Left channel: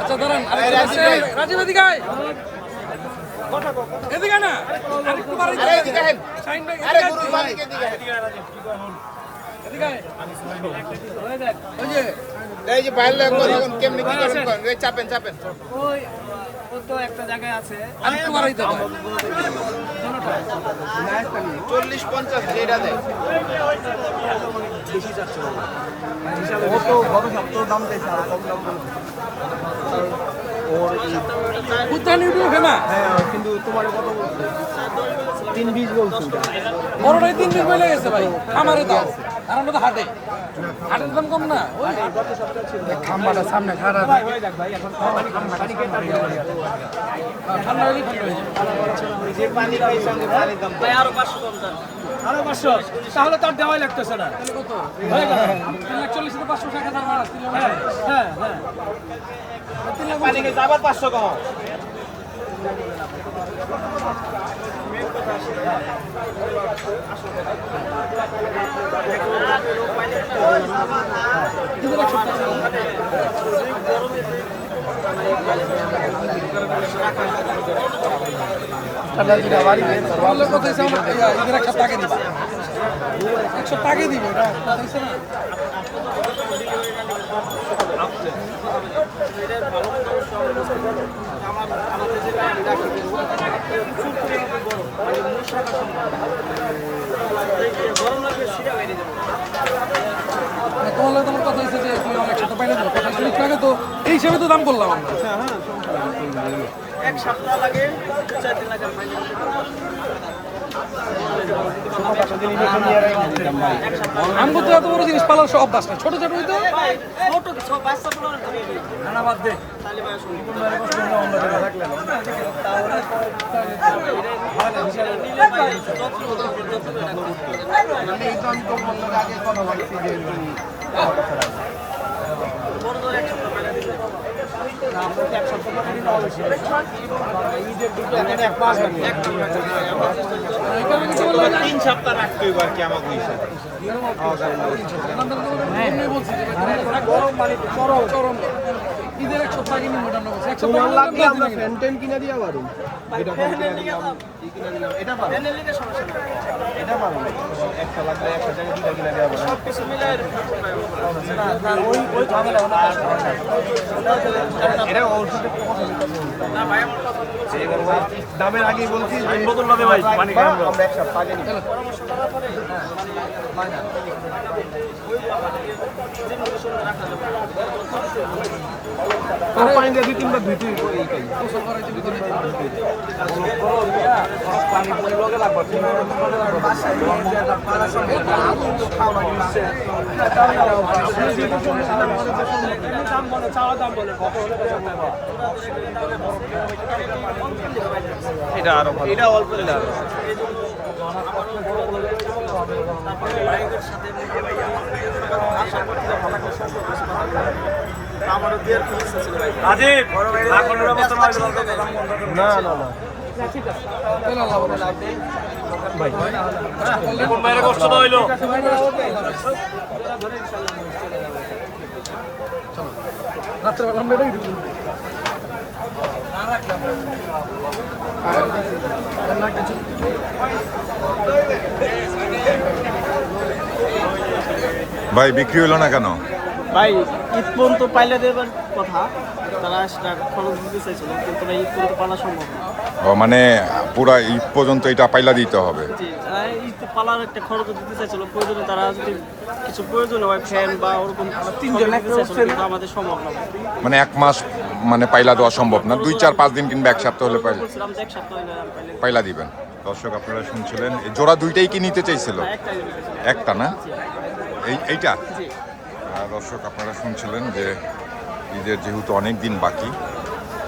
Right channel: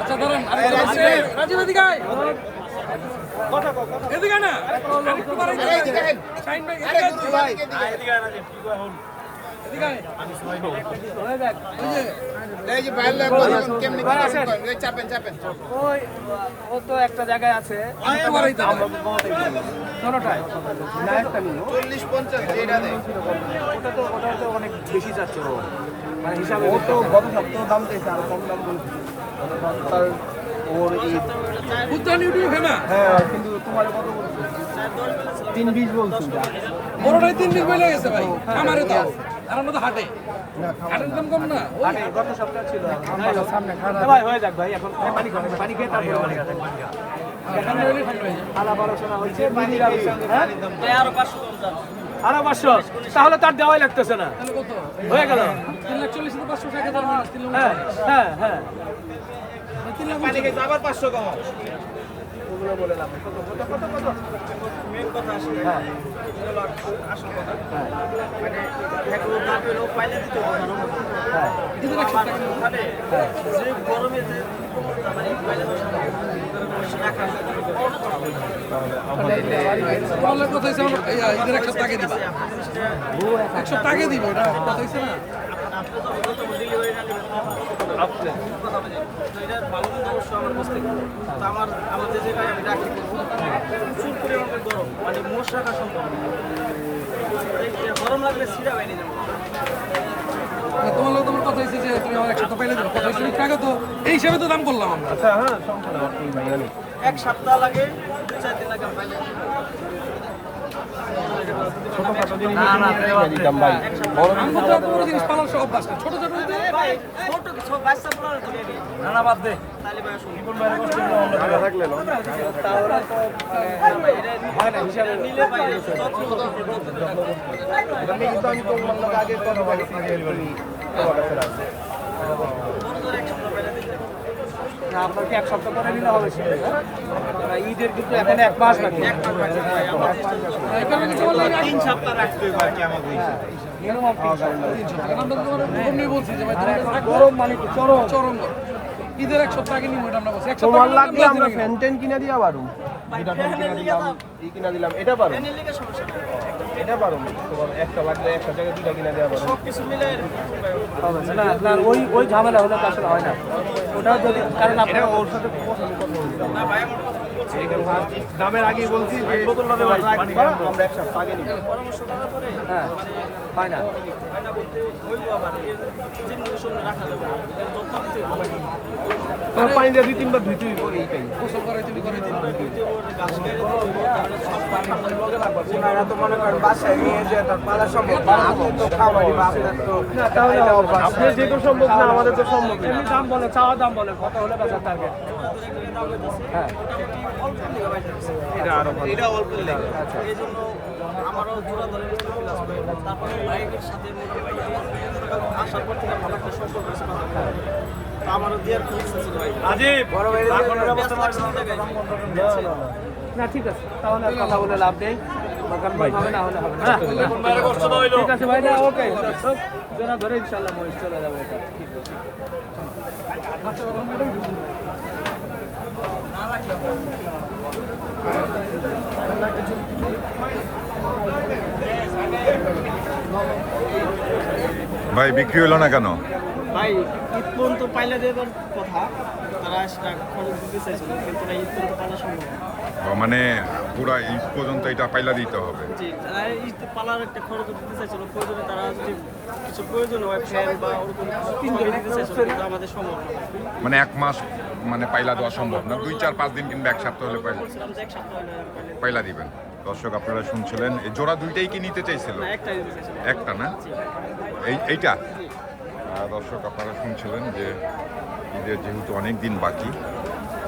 আচ্ছা ধরেন রাজীব এদিকে আয়। এদিকে না আরেকটু বাড়াইতে শাইন ভাই এদিকে আয়। এদিকে আয়। এই যে বাইরে কেমনি চাপেন চাপেন ওই ও তো একটা জায়গায় আছে আরেকটু বাড়াইতে হবে। 40-50 যেটা দেয় ও তো গত সপ্তাহ দাম চাইছে আর কম দাম বলছে ওর এই বুঝতে উঠে না হ্যাঁ কিন্তু তোমার কত বলছে 320 বলছে বড়টাই 3 দিন হয়ে গেছে ভাই আমারে দাও আর আমরা তো হাটে হাটের দাম কম না ওই খাম্বাটা সামনে খাড়া ঠান্ডা হলে ঠান্ডা হয়ে ভাই আরো 500 কম দাম আরো 500 তাহলে তার দেওয়াই লাগতেছে না তাহলে কত হয়ে গেল 340 থেকে 500 1000 মাইনাস 3 লাখ হ্যাঁ হ্যাঁ 3 লাখ পানি খেতে আবার 500 কম মেন কথা আসে ভাই আসল কথা মানে দেখো লাগে লোক পাইলে দিতে হবে মানে যে গরমেতে মানে পাইলে রাখা বলার কথা হইছে আমরা ইদের একটা টাকা দিব 100 টাকা দিব এটা কথা হইছে না আমাদের জায়গায় আমি রাখি দিব প্রচুর পরিমাণে গরম মানে মোষ রাখা সম্ভব গরম লাগলে সিরা বেরিয়ে যাবো তোমার লাগে তোমার কথা হইছে যে তুমি আমার 100 পাইলে দাও কথা শুনি টাকা তো এই হিসাবে তো দাম করলাম আমরা এক সপ্তাহ লাগে 4 দিন লাগে পাইলে আমি তো এত বড় জিনিস পালার সব অভ্যাস নেই ছোট ছোট হইতো ছোট কিছু বাচ্চা বলার তো বেবি খানা বাদ দে তালি ভাই শুনি এটা নিলে ভাই যত্ন করতে কিন্তু আমি তোমার লোক আগে কথা বলছি যে তুমি তোমার কাছে রাখবে বড় ধরে এক সপ্তাহ পাইলে দিলে এক মাস বাকি ভাই আমরা চেষ্টা করতে 3 সপ্তাহ রাখতে হইব আর কি আমাকে হইছে আমি বলছি যে ভাই তোমার কাছে রাখবো মানে চরম ঈদের 1 সপ্তাহ আগে নিব এটা আমরা বলছি 1 সপ্তাহ তোমার আগে লাগবে নিব আমরা ফ্যান কিনা দিয়া পারো ভাই এটা ফ্যান কিনা দিলাম কিনা দিলাম এটা পারো এনে লিগে সমস্যা নাই এটা পারো তোমার একটা লাগলে একটা জায়গায় দুইটা কিনা দেওয়া পারো সব কিছু মিলে ওই ঝামেলা হলো কাজ হয় না এটা ওর সাথে কথা বলতে না ভাই আমার কথা বলছি দামের আগেই বলছি যে রাখবা আমরা এক সপ্তাহ আগে নিব পরামর্শ করার পরে মানে হয় না বলতে হইব আমার এই জিনিসগুলো সামনে রাখা যাবে না এটা যত্ন দিতে হবে আর পানি দিয়ে 2-3 বার ধুইতে হইব এইটাই গোসল করাই তুমি করে আপনি যেটা সম্ভব না আমাদের তো সম্ভব না দাম বলে চাওয়া দাম বলে এটা আরো ভালো এটা অল্প এই জন্য আমারও জোড়া ধরে তারপরে বাইকের সাথে সকাল আসার পর থেকে ভালো একটা সম্পর্ক হয়েছে কথা বলে আমারও দেওয়ার খুব ইচ্ছা ছিল ভাই না না না ঠিক আছে আল্লাহ বলে লাভ নেই ভাই ঠিক আছে ভাই ওকে ধরে ইনশাআল্লাহ চলে যাবে চলো রাত্রে আমরা এটাই ঢুকবো ভাই বিক্রি হলো না কেন? ভাই ঈদ পর্যন্ত পাইলে দেবার কথা তারা সেটা খরচ দিতে চাইছিল কিন্তু ঈদ পর্যন্ত পালা সম্ভব না ও মানে পুরা ঈদ পর্যন্ত এটা পাইলা দিতে হবে। জি তারা ঈদ পালার একটা খরচ দিতে চাইছিল প্রয়োজনে তারা যদি কিছু প্রয়োজন হয় ফ্যান বা ওরকম 3 জন দিতে চাইছিল কিন্তু আমাদের সম্ভব না মানে 1 মাস মানে পাইলা দেওয়া সম্ভব না, 2-4-5 দিন কিংবা 1 সপ্তাহ হলে বলছিলাম যে এক সপ্তাহ হলে আর পাইলে পাইলা দিবেন। দর্শক আপনারা শুনছিলেন, এই জোড়া দুইটাই কি নিতে চাইছিল? একটাই দিতে চাইছিল একটা না, এইটা জি দর্শক আপনারা শুনছিলেন যে ঈদের যেহেতু অনেক দিন বাকি,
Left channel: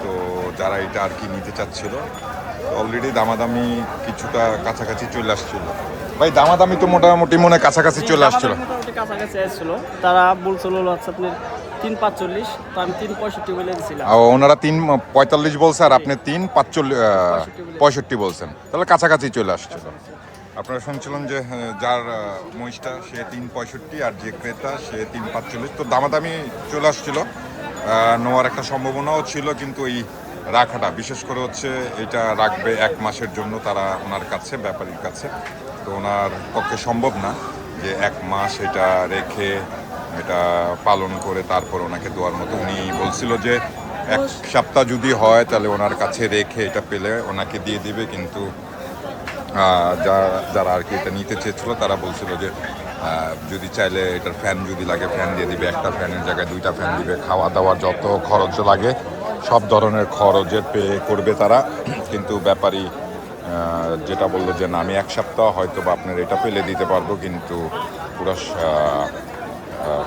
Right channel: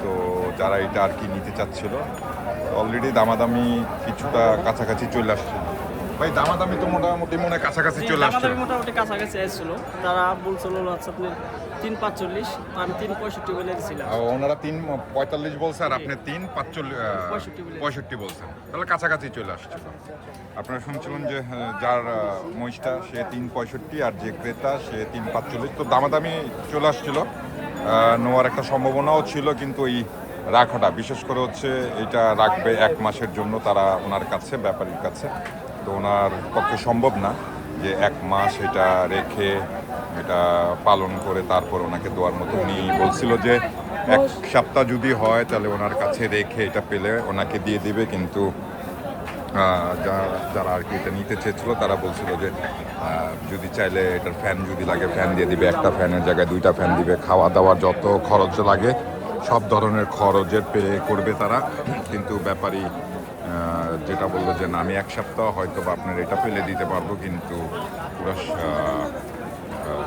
তো যারা এটা আর কি নিতে চাচ্ছিল অলরেডি দামাদামি কিছুটা কাছাকাছি চলে আসছিল। ভাই দামাদামি তো মোটামুটি মনে কাছাকাছি চলে আসছিল। আমাদের মোটামুটি কাছাকাছি আসছিল, তারা বলছিল হচ্ছে আপনার 3.45, তো আমি 3.65 বলে দিয়েছিলাম। ওনারা 3.45 বলছে আর আপনি 3.65 বলছেন, তাহলে কাছাকাছি চলে আসছিল। আপনারা শুনছিলেন যে যার মহিষটা সে 3.65 আর যে ক্রেতা সে 3.45, তো দামাদামি চলে আসছিল। নেওয়ার একটা সম্ভাবনাও ছিল, কিন্তু এই রাখাটা বিশেষ করে হচ্ছে এটা রাখবে 1 মাসের জন্য তারা ওনার কাছে, ব্যাপারীর কাছে। তো ওনার পক্ষে সম্ভব না যে 1 মাস এটা রেখে এটা পালন করে তারপর ওনাকে দেওয়ার মতো। উনি বলছিল যে 1 সপ্তাহ যদি হয় তাহলে ওনার কাছে রেখে এটা পেলে ওনাকে দিয়ে দিবে, কিন্তু যারা আর কি এটা নিতে চেয়েছিল তারা বলছিল যে যদি চাইলে এটার ফ্যান যদি লাগে ফ্যান দিয়ে দিবে, একটা ফ্যানের জায়গায় 2টা ফ্যান দিবে, খাওয়া দাওয়ার যত খরচ লাগে সব ধরনের খরচের পে করবে তারা। কিন্তু ব্যাপারী যেটা বললো যে না, আমি 1 সপ্তাহ হয়তো বা আপনার এটা পেলে দিতে পারবো, কিন্তু পুরো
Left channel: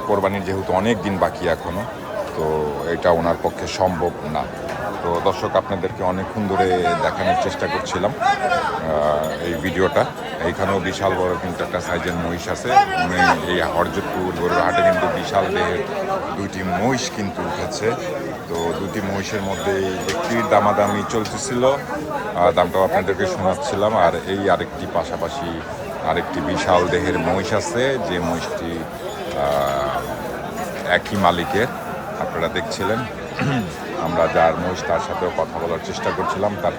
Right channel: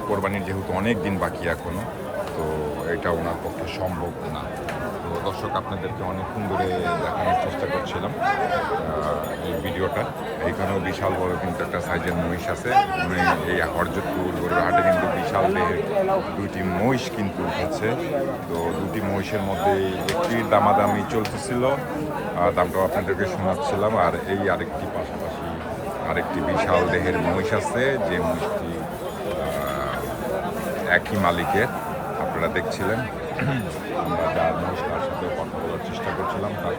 কোরবানির যেহেতু অনেক দিন বাকি এখনও, তো এটা ওনার পক্ষে সম্ভব না। তো দর্শক, আপনাদেরকে অনেকক্ষণ ধরে দেখানোর চেষ্টা করছিলাম এই ভিডিওটা। এইখানেও বিশাল বড় কিন্তু একটা সাইজের মহিষ আছে। উনি এই হরজতপুর গরুর হাটে কিন্তু বিশাল দেহের 2টি মহিষ কিন্তু উঠেছে। তো 2টি মহিষের মধ্যে একটির দামাদামি চলতেছিল, দামটাও আপনাদেরকে শোনাচ্ছিলাম। আর এই আরেকটি পাশাপাশি আরেকটি বিশাল দেহের মহিষ আছে, যে মহিষটি একই মালিকের আপনারা দেখছিলেন। আমরা যার মহিষ তার সাথেও কথা বলার চেষ্টা করছিলাম, তার